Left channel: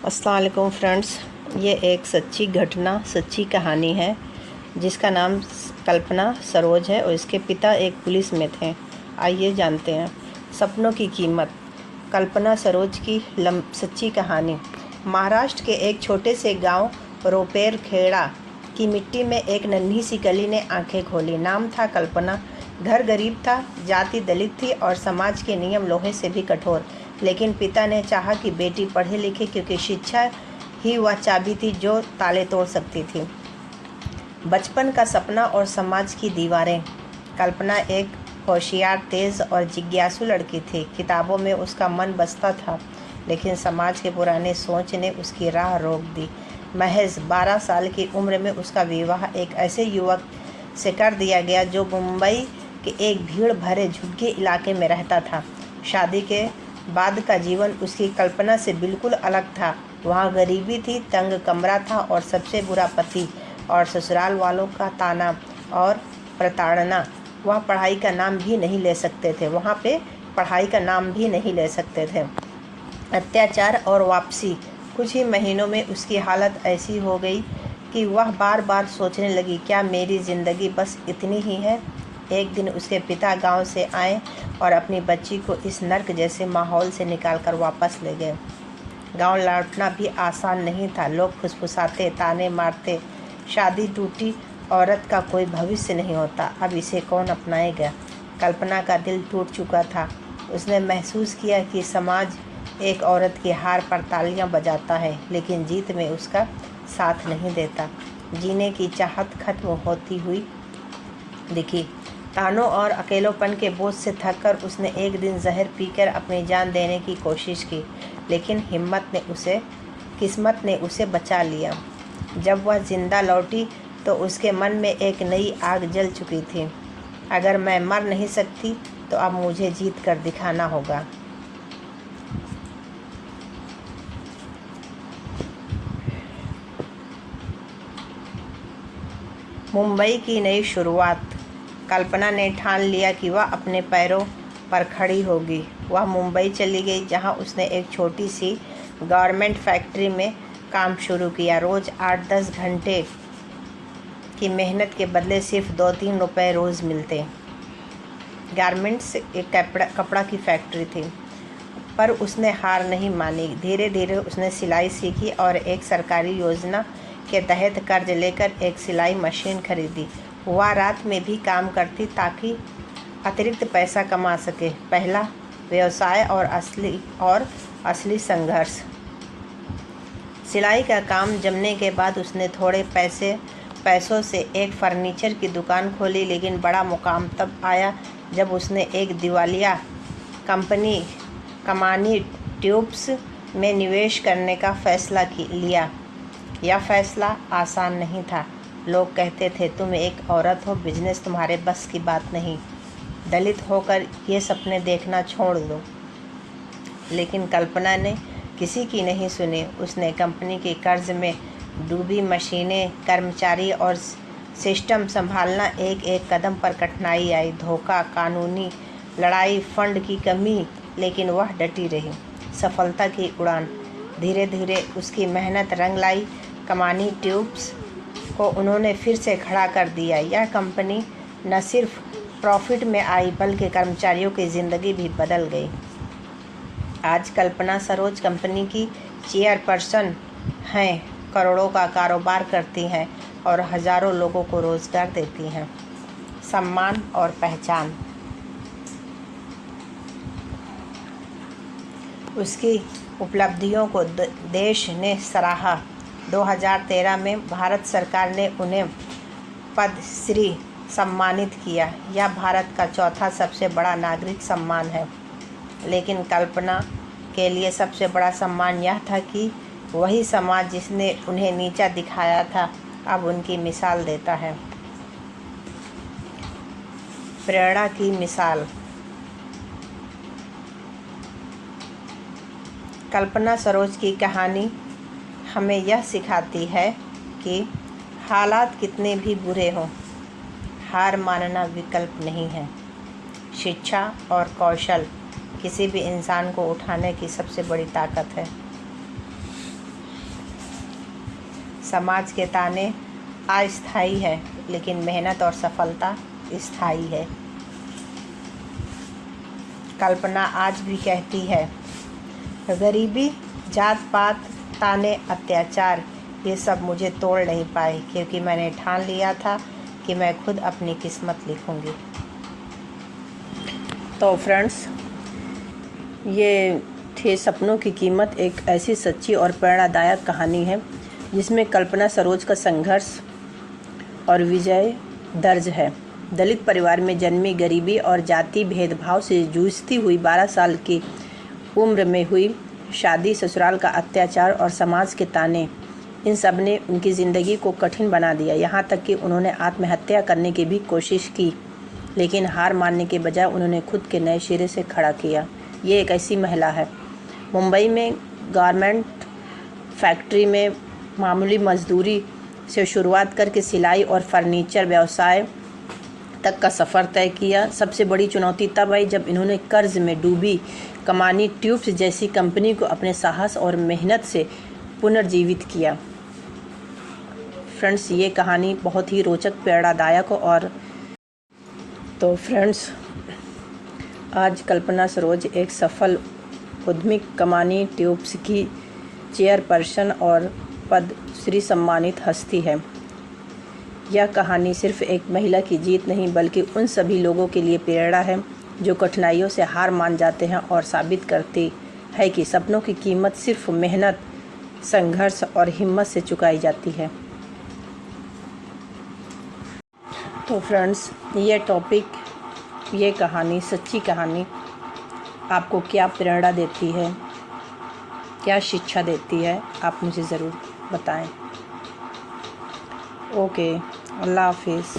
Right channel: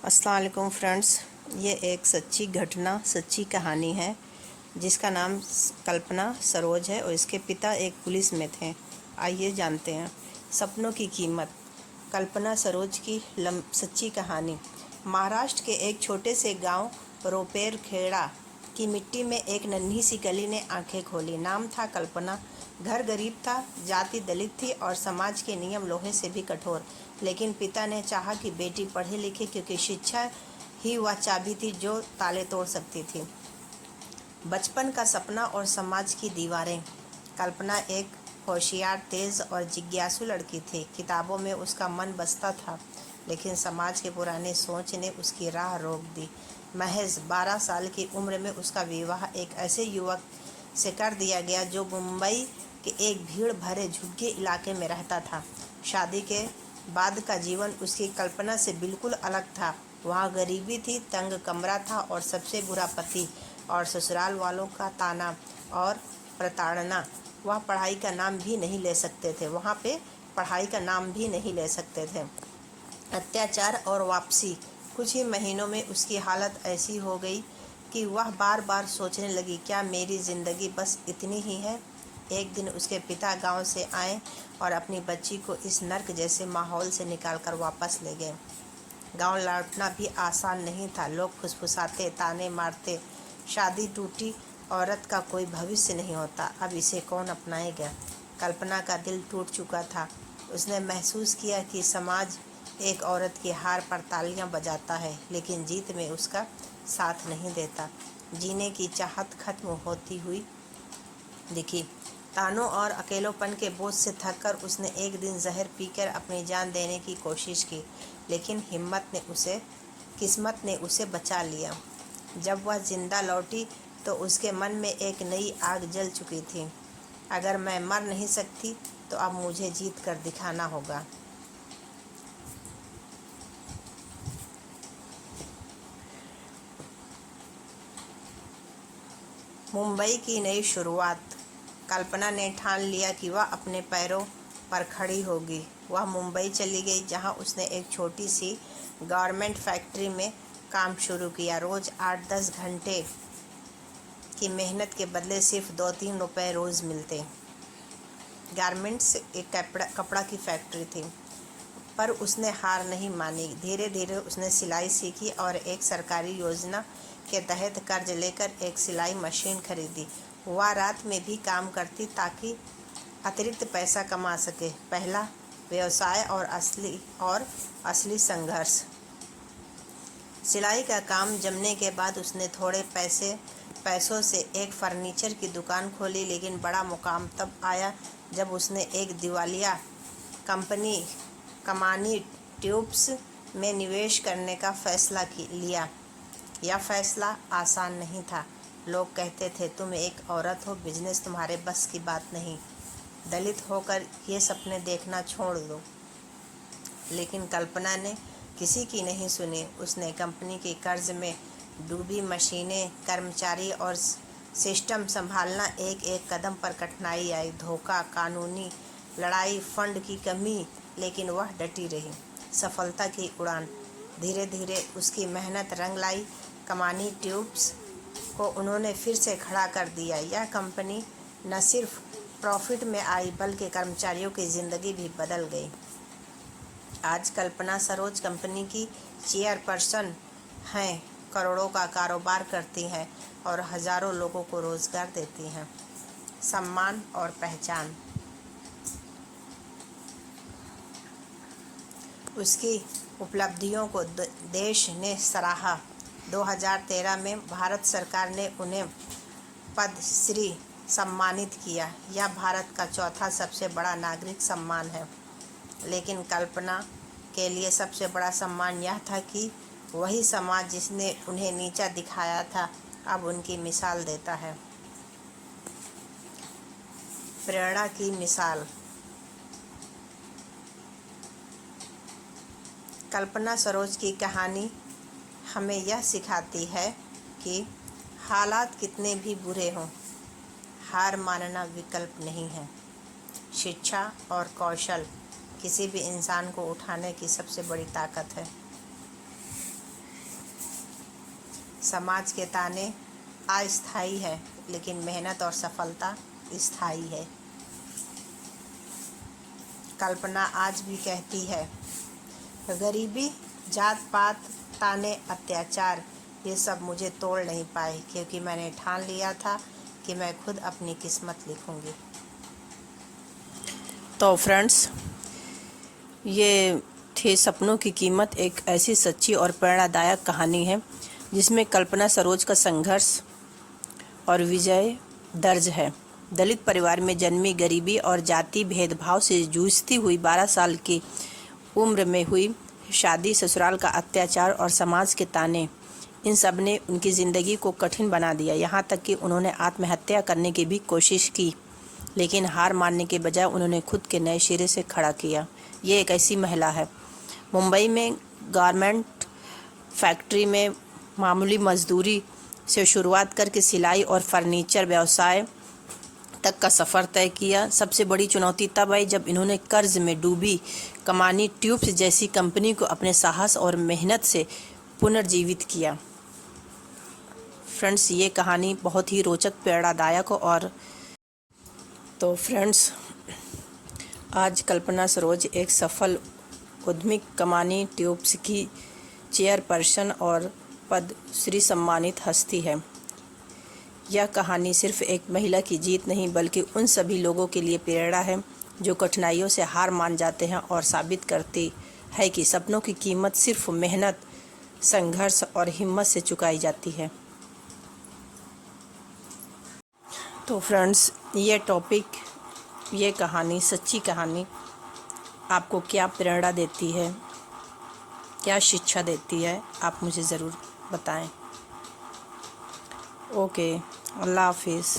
अस्सलाम वालेकुम फ्रेंड्स, ये एक सच्ची घटना, सच्ची कहानी है जिसका नाम कल्पना सरोज है और इसके पिता एक पुलिस में थे। आइए जानते हैं सपनों की कीमत। कल्पना सरोज की सच्ची कहानी। महाराष्ट्र के एक छोटे से गांव रोपेर खेड़ा की मिट्टी में एक नन्ही सी कली ने आंखें खोली। नाम था कल्पना। घर गरीब था, जाति दलित थी और समाज के नियम लोहे से भी कठोर। लेकिन पिता ने चाहा कि बेटी पढ़े लिखे, क्योंकि शिक्षा ही वह चाबी थी जो ताले तोड़ सकती थी। बचपन का सपना और समाज की दीवारें। कल्पना एक होशियार, तेज़ और जिज्ञासु लड़की थी। किताबों में उसका मन बसता था, लेकिन समाज के पुराने सोच ने उसकी राह रोक दी। महज 12 साल की उम्र में उसका विवाह एक ऐसे युवक से कर दिया गया जो मुंबई के एक भीड़ भरे झुग्गी इलाके में रहता था। शादी के बाद का जीवन उसकी कल्पना से बिल्कुल अलग था। वहाँ गरीबी थी, तंग कमरा था और सबसे बुरा पति और ससुराल वालों का ताना और प्रताड़ना। वह पढ़ाई का नाम भी नहीं ले सकते थे। वहाँ पे पढ़ाई का नाम भी नहीं ले सकते थे। अत्याचार और वापसी। कुछ ही महीनों में उसकी हालत ऐसी हो गई कि वह बार बार सोचने लगी, क्या मेरी ज़िंदगी बस इतनी ही है। एक दिन उसके पिता गांव से आए और अपनी बच्ची को इस नर्क जैसे माहौल से निकालकर वापस ले गए। गांव लौटना भी आसान नहीं था। लोग फुसफुसाते, ताने मारते, शादी टूटी औरत का कोई भविष्य नहीं होता, अब इसे कौन अपनाएगा। कल्पना का दिल टूट चुका था। उसने महसूस किया कि समाज एक औरत की हार पर तालियां बजाता है, लेकिन जीत में उसका साथ नहीं देता। जीने की चाहत खत्म होती हुई दिखी। तानों और अकेलोपन के बोझ से थककर उसने एक दिन जहर पीकर अपनी जान देने की कोशिश की, लेकिन किस्मत ने उसे बचा लिया। जब वह जिंदा लौटी तो उसके मन में एक नई आग जल चुकी थी। अगर मैं मर नहीं सकती तो अब मुझे जीत कर दिखाना होगा। मुंबई की नई शुरुआत। कल्पना ने ठान लिया कि वह अपने पैरों पर खड़ी होगी। वह मुंबई चली गई, जहां उसने एक छोटी सी गारमेंट फैक्ट्री में काम शुरू किया। रोज़ 8-10 घंटे की मेहनत के बदले सिर्फ 2-3 रुपए रोज़ मिलते। गारमेंट्स एक कपड़ा की फैक्ट्री थी, पर उसने हार नहीं मानी। धीरे धीरे उसने सिलाई सीखी और एक सरकारी योजना के तहत कर्ज लेकर एक सिलाई मशीन खरीदी। वह रात में भी काम करती ताकि अतिरिक्त पैसा कमा सके। पहला व्यवसाय और असली संघर्ष। सिलाई का काम जमने के बाद उसने थोड़े पैसों से एक फर्नीचर की दुकान खोली, लेकिन बड़ा मुकाम तब आया जब उसने एक दिवालिया कंपनी कमानी ट्यूब्स में निवेश करने का फैसला लिया। यह फैसला आसान नहीं था। लोग कहते थे, तुम एक औरत हो, बिजनेस तुम्हारे बस की बात नहीं, दलित होकर ये सपने देखना छोड़ दो। लेकिन कल्पना ने किसी की नहीं सुनी। उसने कंपनी के कर्ज में डूबी मशीनें, कर्मचारी और सिस्टम संभालना। एक एक कदम पर कठिनाई आई, धोखा, कानूनी लड़ाई, फंड की कमी, लेकिन वह डटी रही। सफलता की उड़ान। धीरे धीरे उसकी मेहनत रंग लाई। कमानी ट्यूब्स को उन्होंने फिर से खड़ा कर दिया। यह कंपनी न सिर्फ प्रॉफिट में आई, बल्कि कर्मचारियों की ज़िंदगी भी बदल गई। आज कल्पना सरोज कंपनी की चेयरपर्सन हैं, करोड़ों का कारोबार करती हैं और हज़ारों लोगों को रोज़गार देती हैं। सम्मान और पहचान। उसकी उपलब्धियों को देश ने सराहा। 2013 में भारत सरकार ने उन्हें पद्मश्री सम्मानित किया। यह भारत का चौथा सबसे बड़ा नागरिक सम्मान है। लेकिन कल्पना के लिए सबसे बड़ा सम्मान यह था कि वही समाज जिसने उन्हें नीचा दिखाया था, अब उनकी मिसाल देता है। प्रेरणा की मिसाल। कल्पना सरोज की कहानी हमें यह सिखाती है कि हालात कितने भी बुरे हों, हार मानना विकल्प नहीं है। शिक्षा और कौशल किसी भी इंसान को उठाने की सबसे बड़ी ताकत है। समाज के ताने अस्थायी है, लेकिन मेहनत और सफलता स्थायी है। कल्पना आज भी कहती है, गरीबी, जात पात, ताने, अत्याचार, ये सब मुझे तोड़ नहीं पाए, क्योंकि मैंने ठान लिया था कि मैं खुद अपनी किस्मत लिखूंगी। तो फ्रेंड्स, ये थे सपनों की कीमत, एक ऐसी सच्ची और प्रेरणादायक कहानी है जिसमें कल्पना सरोज का संघर्ष और विजय दर्ज है। दलित परिवार में जन्मी, गरीबी और जाति भेदभाव से जूझती हुई 12 साल की उम्र में हुई शादी, ससुराल का अत्याचार और समाज के ताने, इन सब ने उनकी ज़िंदगी को कठिन बना दिया। यहाँ तक कि उन्होंने आत्महत्या करने की भी कोशिश की, लेकिन हार मानने के बजाय उन्होंने खुद के नए सिरे से खड़ा किया। ये एक ऐसी महिला है। मुंबई में गारमेंट फैक्ट्री में मामूली मजदूरी से शुरुआत करके सिलाई और फर्नीचर व्यवसाय तक का सफ़र तय किया। सबसे बड़ी चुनौती तब आई जब इन्होंने कर्ज में डूबी कमानी ट्यूब्स जैसी कंपनी को अपने साहस और मेहनत से पुनर्जीवित किया। फ्रेंड्स, ये कहानी बहुत ही रोचक, प्रेरणादायक और तो फ्रेंड्स, आज कल्पना सरोज एक सफल उद्यमी, कमानी ट्यूब्स की चेयरपर्सन और पद्मश्री सम्मानित हस्ती है। यह कहानी सिर्फ एक महिला की जीत नहीं, बल्कि उन सभी लोगों के लिए प्रेरणा है जो कठिनाइयों से हार मान जाते हैं और साबित करती है कि सपनों की कीमत सिर्फ मेहनत, संघर्ष और हिम्मत से चुकाई जाती है। तो फ्रेंड्स, ये टॉपिक, ये कहानी, सच्ची कहानी आपको क्या प्रेरणा देती है, क्या शिक्षा देती है, आप मुझे ज़रूर बताएं। ओके, अल्लाह हाफिज़।